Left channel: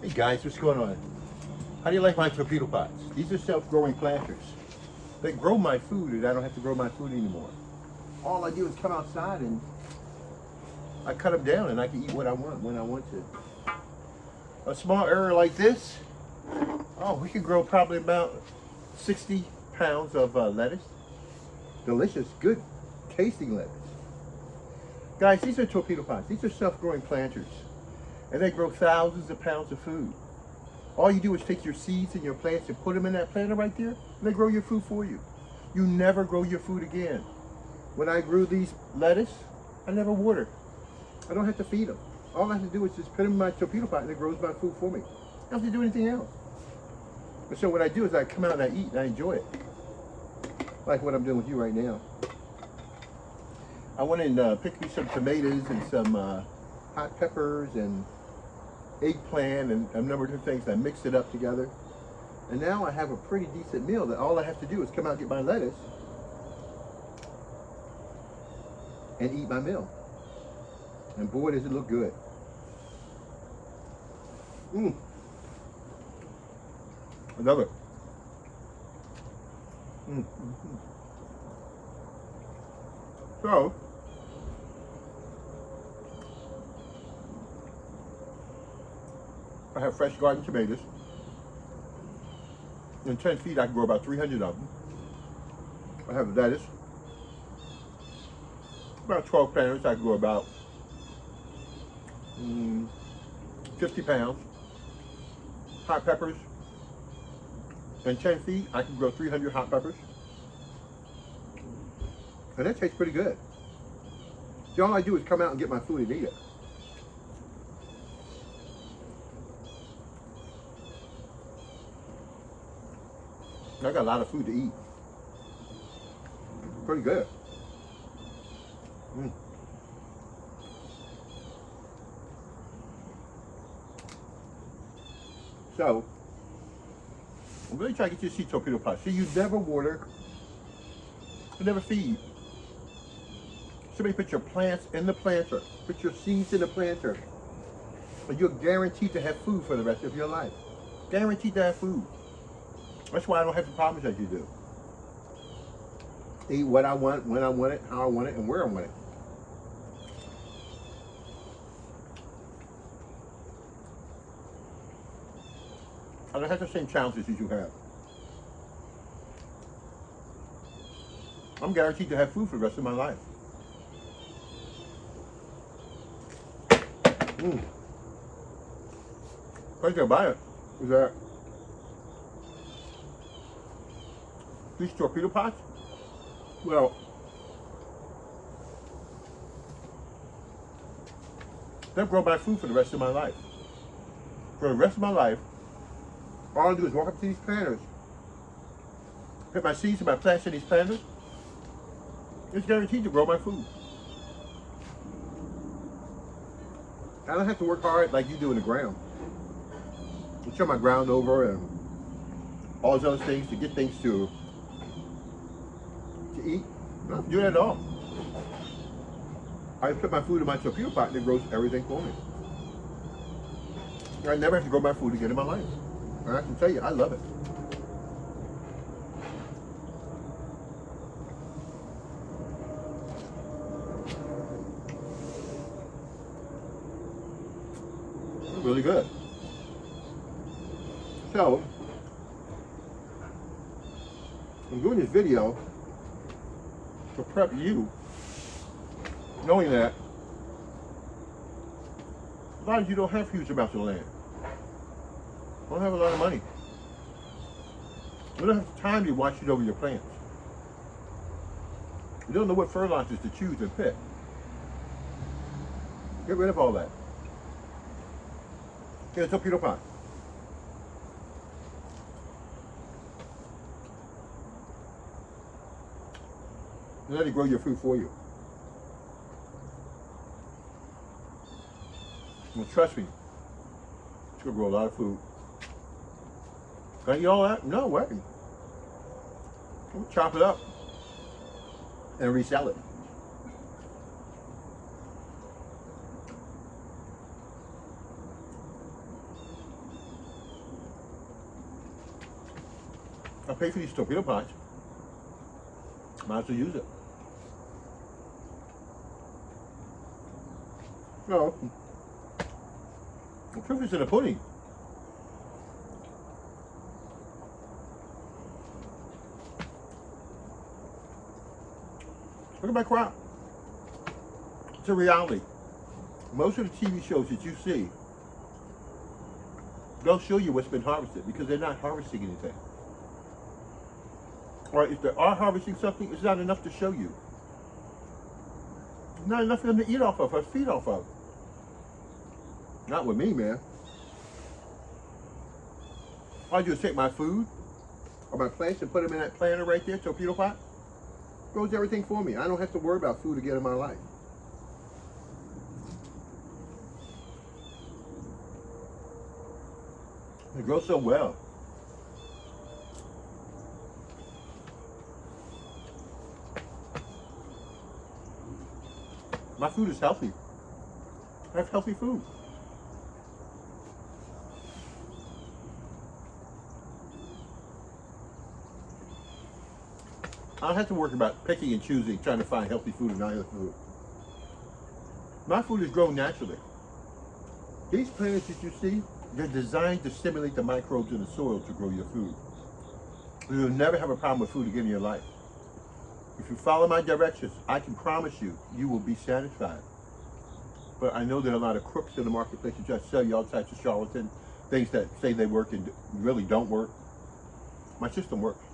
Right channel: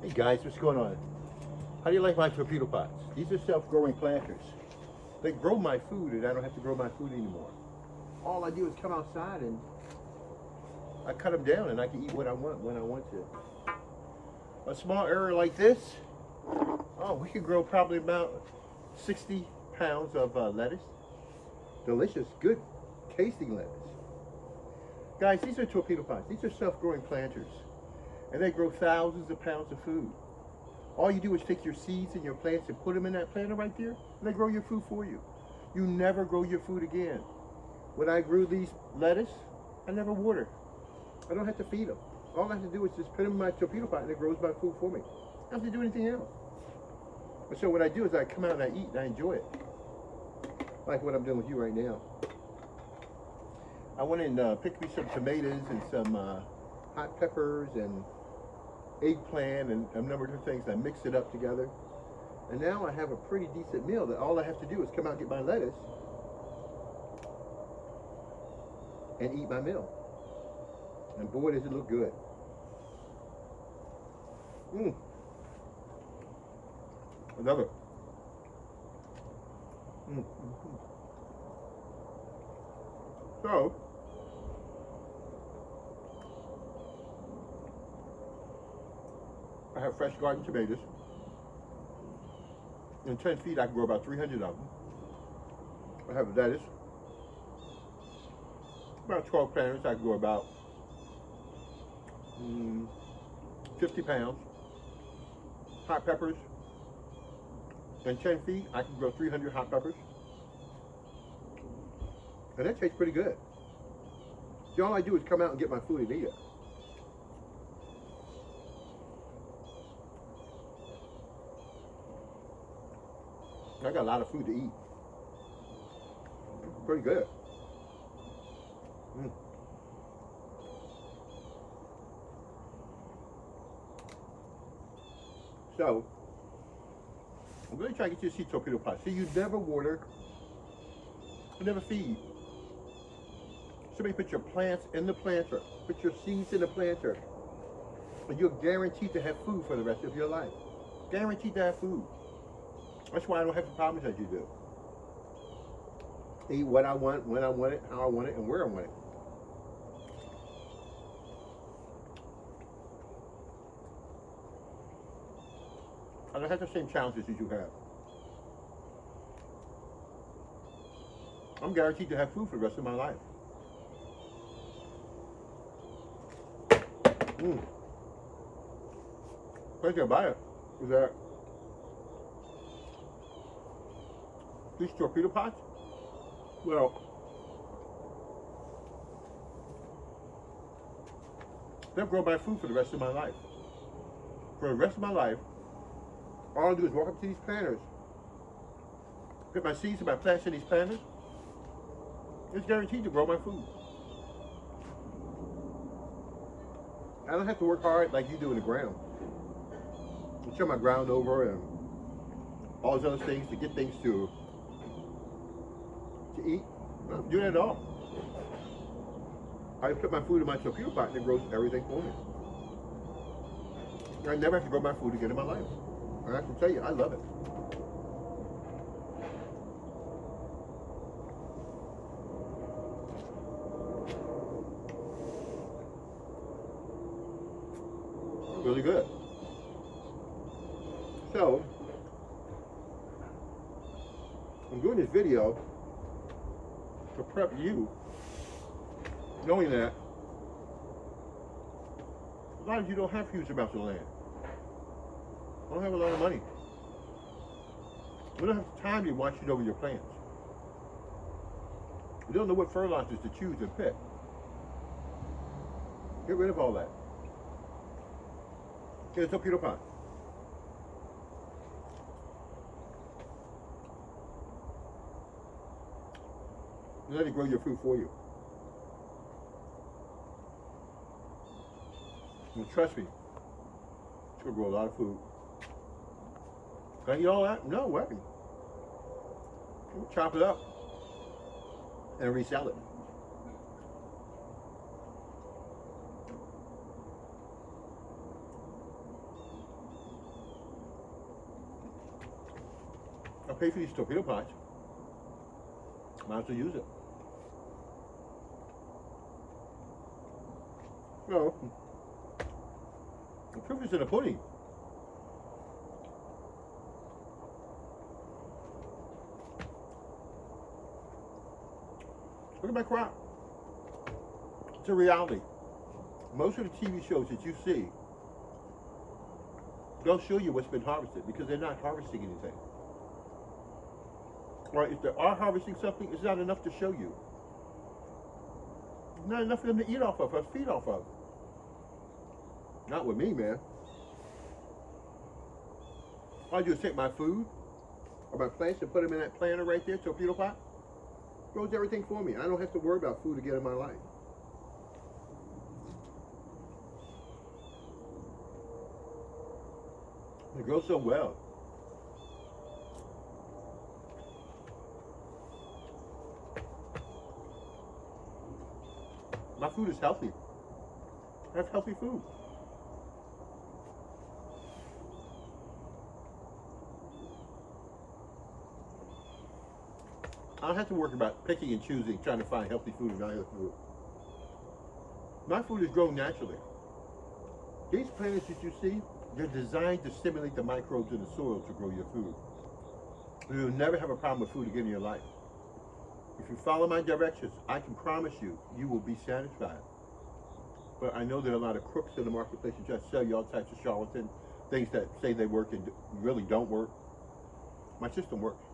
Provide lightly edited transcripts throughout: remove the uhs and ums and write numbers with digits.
Hey guys, what's going on? How do you like my torpedo pots? These are self-growing planters. They grow my food and I don't have to grow my food anymore. All I do is come outside and I cut them down and I can eat what I want when I want to. A small area like this, oh, we could grow probably about 60 pounds of lettuce. Delicious, good, tasting lettuce. Guys, these are torpedo pots. These are self-growing planters. And they grow thousands of pounds of food. All you do is take your seeds and your plants and put them in that planter right there, and they grow your food for you. You never grow your food again. When I grew these lettuce, I never watered. I don't have to feed them. All I have to do is just put them in my torpedo pot and it grows my food for me. I don't have to do anything else. But so what I do is I come out and I eat and I enjoy it. Like what I'm doing with you right now. I went and picked me some tomatoes and some hot peppers and eggplant and a number of different things. I mixed it up together. And now I have a pretty decent meal that all I have to do is come out and get my lettuce and eat my meal. And boy, does it look good. Mmm. I love it. Mm. So, I have fresh garden tomatoes. In 10 feet, I can grow about 300 of them. I have lettuce. About 12 planters, I can grow about 50 pounds. Hot peppers. In 10 feet, I can grow 300 hot peppers. And that tastes pretty good. See, all I do is come out and get my food and eat it. I got a lot of food to eat. Pretty good. Mm. So, I'm really trying to get you to see torpedo pots. See, you never water, you never feed. Somebody put your plants in the planter, put your seeds in the planter, and you're guaranteed to have food for the rest of your life. Guaranteed to have food. That's why I don't have the problems that you do. Eat what I want, when I want it, how I want it, and where I want it. I don't have the same challenges as you have. I'm guaranteed to have food for the rest of my life. Mm. What I buy it is that these torpedo pots, well, they'll grow my food for the rest of my life. For the rest of my life, all I do is walk up to these planters, put my seeds and my plants in these planters. It's guaranteed to grow my food. I don't have to work hard like you do in the ground. I turn my ground over and all those other things to get things to eat. I don't have to do that at all. I put my food in my torpedo pot and it grows everything for me. I never have to grow my food again in my life. And I can tell you, I love it. Really good. So, I'm doing this video to prep you, knowing that a lot of you don't have huge amounts of land. Don't have a lot of money. You don't have time to watch it over your plants. You don't know what fertilizers to choose and pick. Get rid of all that. Get a torpedo pot. And let it grow your food for you. Well, trust me, it's gonna grow a lot of food. Can I eat all that? No way. We'll chop it up and resell it. pay for these torpedo pots. Might as well use it. No, the proof is in the pudding. Look at my crop. It's a reality. Most of the TV shows that you see don't show you what's been harvested because they're not harvesting anything. Or if they are harvesting something, it's not enough to show you. It's not enough for them to eat off of or feed off of. Not with me, man. All I do is take my food or my plants and put them in that planter right there, torpedo pot. Grows everything for me. I don't have to worry about food again in my life. They grow so well. My food is healthy. I have healthy food. I don't have to worry about picking and choosing, trying to find healthy food and not healthy food. My food is grown naturally. These plants that you see, they're designed to stimulate the microbes in the soil to grow your food. You'll never have a problem with food again in your life. If you follow my directions, I can promise you, you will be satisfied. But I know there are a lot of crooks in the marketplace that just sell you all types of charlatan things that say they work and really don't work. My system works.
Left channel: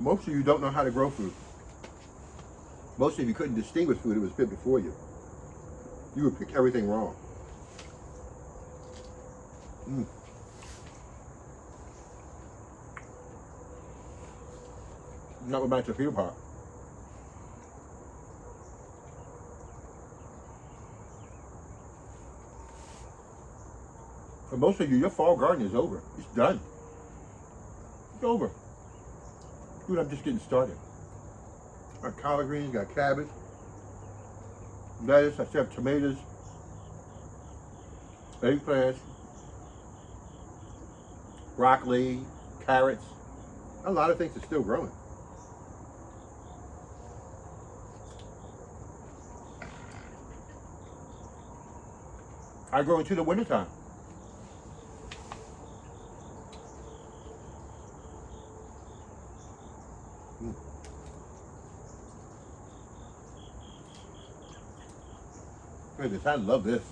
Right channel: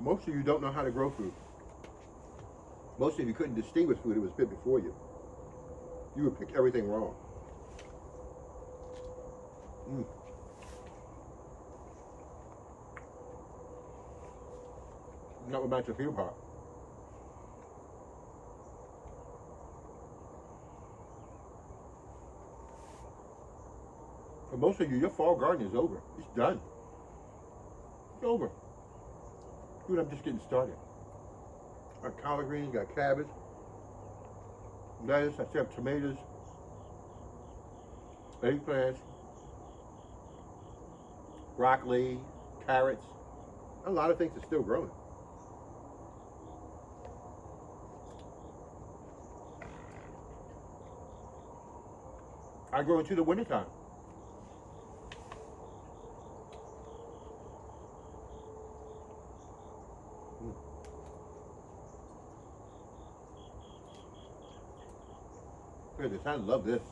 Most of you don't know how to grow food. Most of you couldn't distinguish food that was put before you. You would pick everything wrong. Not with my torpedo pot. For most of you, your fall garden is over. It's done. It's over. Dude, I'm just getting started. Got collard greens, got cabbage, lettuce, I still have tomatoes, eggplants, broccoli, carrots. A lot of things are still growing. I grow into the wintertime. Look at this, I love this.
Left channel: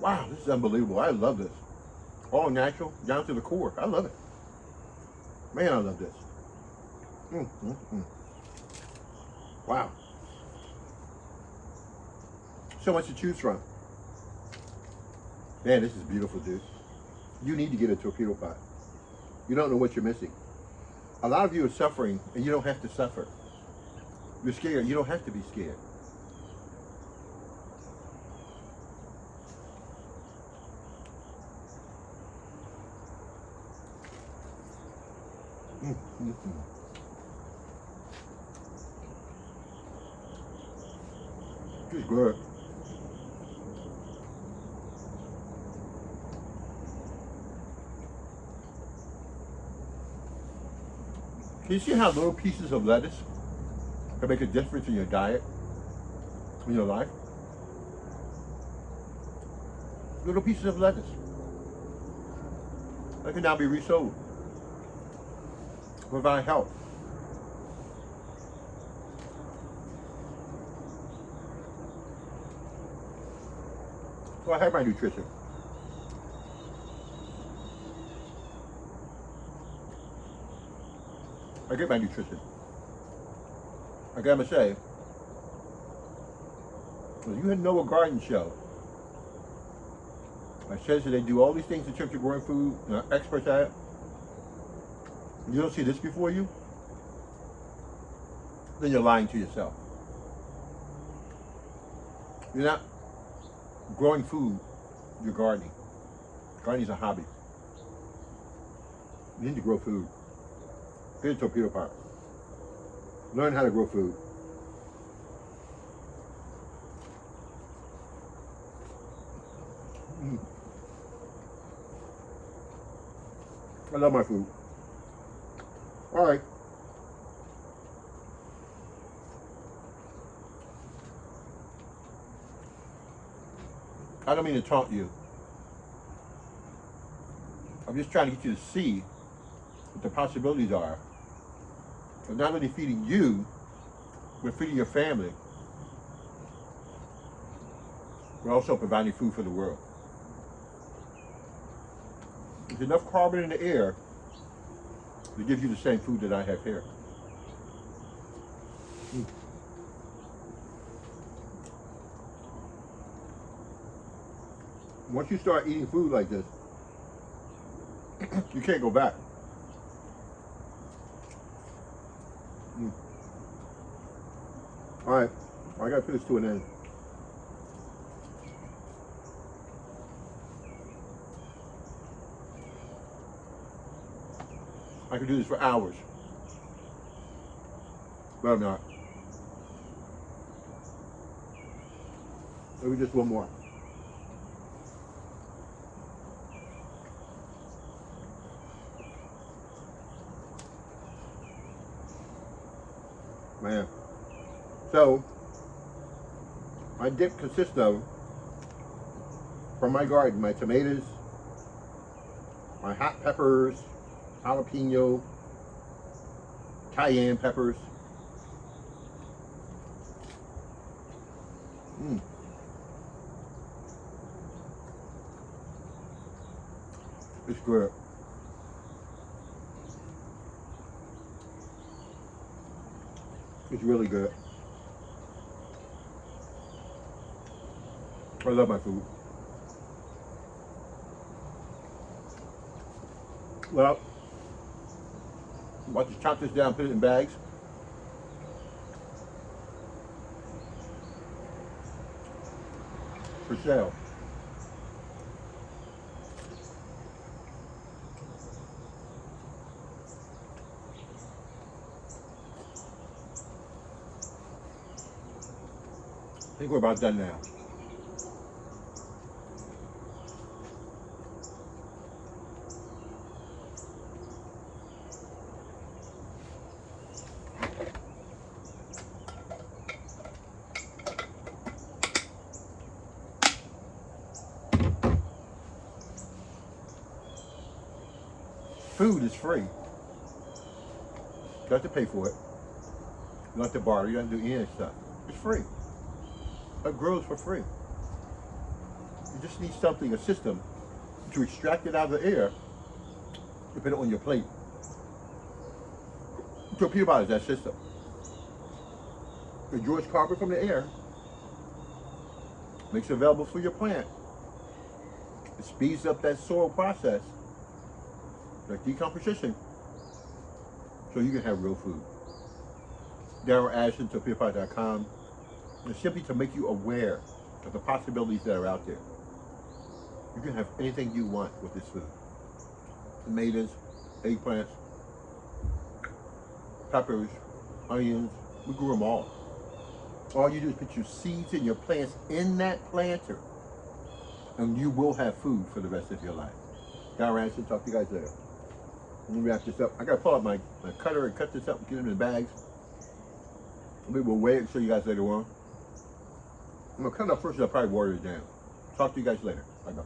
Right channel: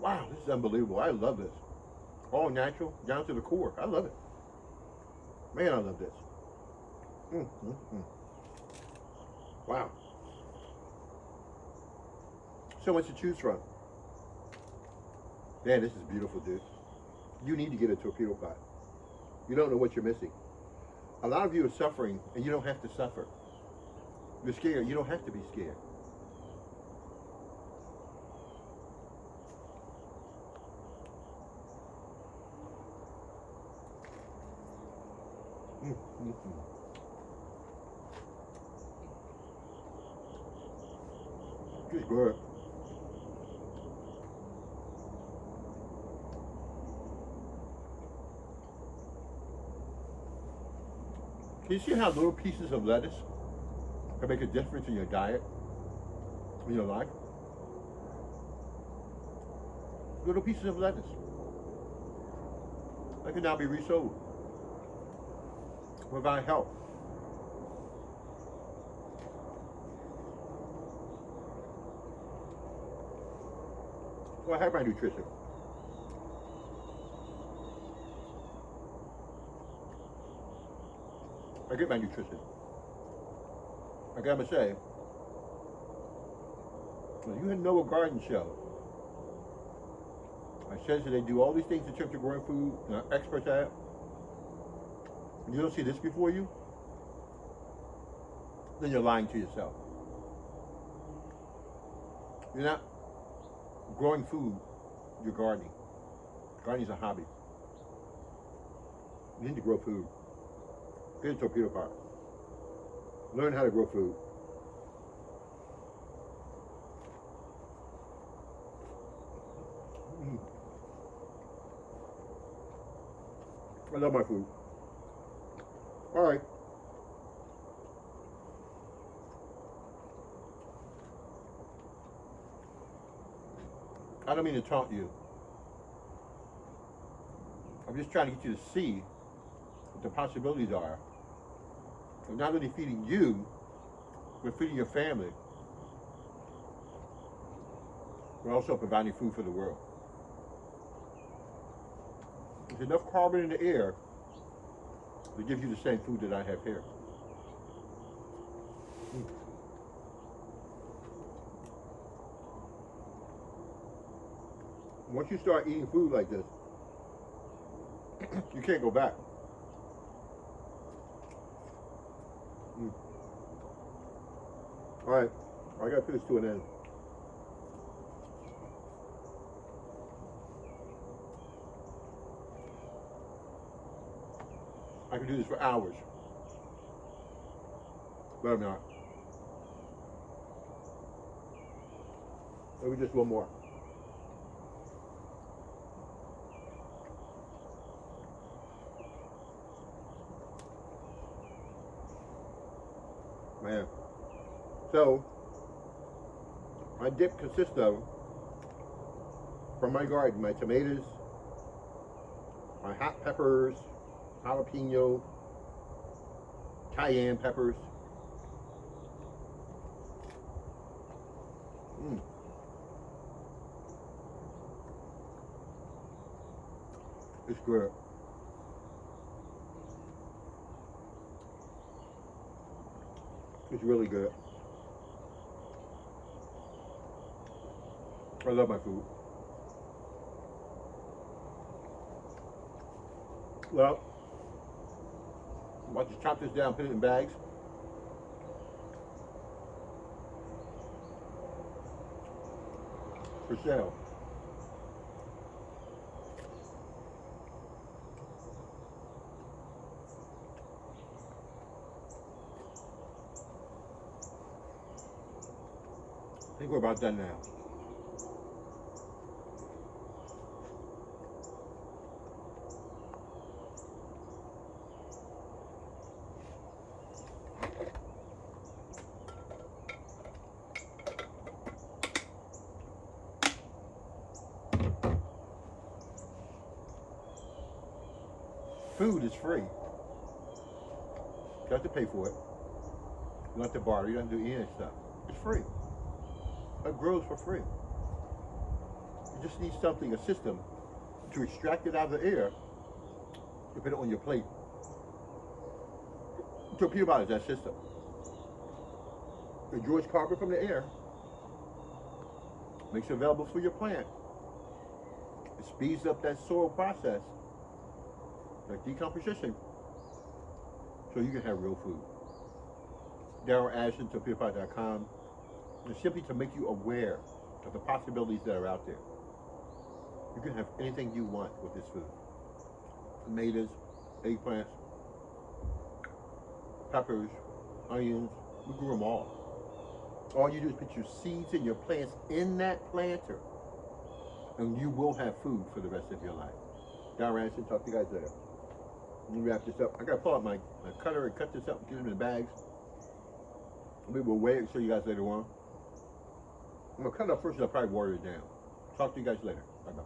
Wow, this is unbelievable. I love this. All natural, down to the core. I love it. Man, I love this. Wow. So much to choose from. Man, this is beautiful, dude. You need to get a torpedo pot. You don't know what you're missing. A lot of you are suffering, and you don't have to suffer. You're scared. You don't have to be scared. It's good. Can you see how little pieces of lettuce can make a difference in your diet, in your life? Little pieces of lettuce. They can now be resold. Provide health. So I have my nutrition. I get my nutrition. I gotta say, when you know a garden show, it says that they do all these things in terms of growing food, experts at it. You don't see this before you, then you're lying to yourself. You're not growing food, you're gardening. Gardening is a hobby. You need to grow food. Get a torpedo pot. Learn how to grow food. I love my food. All right. I don't mean to taunt you. I'm just trying to get you to see what the possibilities are of not only feeding you, but feeding your family. We're also providing food for the world. There's enough carbon in the air to give you the same food that I have here. Once you start eating food like this, you can't go back. All right, I gotta put this to an end. I could do this for hours, but I'm not. Maybe just one more. Man. So, my dip consists of, from my garden, my tomatoes, my hot peppers, jalapeno, cayenne peppers. It's good. It's really good. I love my food. Well, I'll just chop this down, put it in bags. For sale. I think we're about done now. Food is free. You don't have to pay for it. You don't have to borrow. You don't have to do any of that stuff. It's free. It grows for free. You just need something, a system, to extract it out of the air and put it on your plate. So peanut butter is that system. It draws carbon from the air, makes it available for your plant. It speeds up that soil process, like decomposition, so you can have real food. Darryl Ashton, TorpedoPie.com. It's simply to make you aware of the possibilities that are out there. You can have anything you want with this food. Tomatoes, eggplants, peppers, onions, we grew them all. All you do is put your seeds and your plants in that planter, and you will have food for the rest of your life. Darryl Ashton, talk to you guys later. Let me wrap this up. I gotta pull out my cutter and cut this up and get it in the bags. We will weigh it and show you guys later on. I'm gonna cut it up first and I'll probably water it down. Talk to you guys later. Bye bye.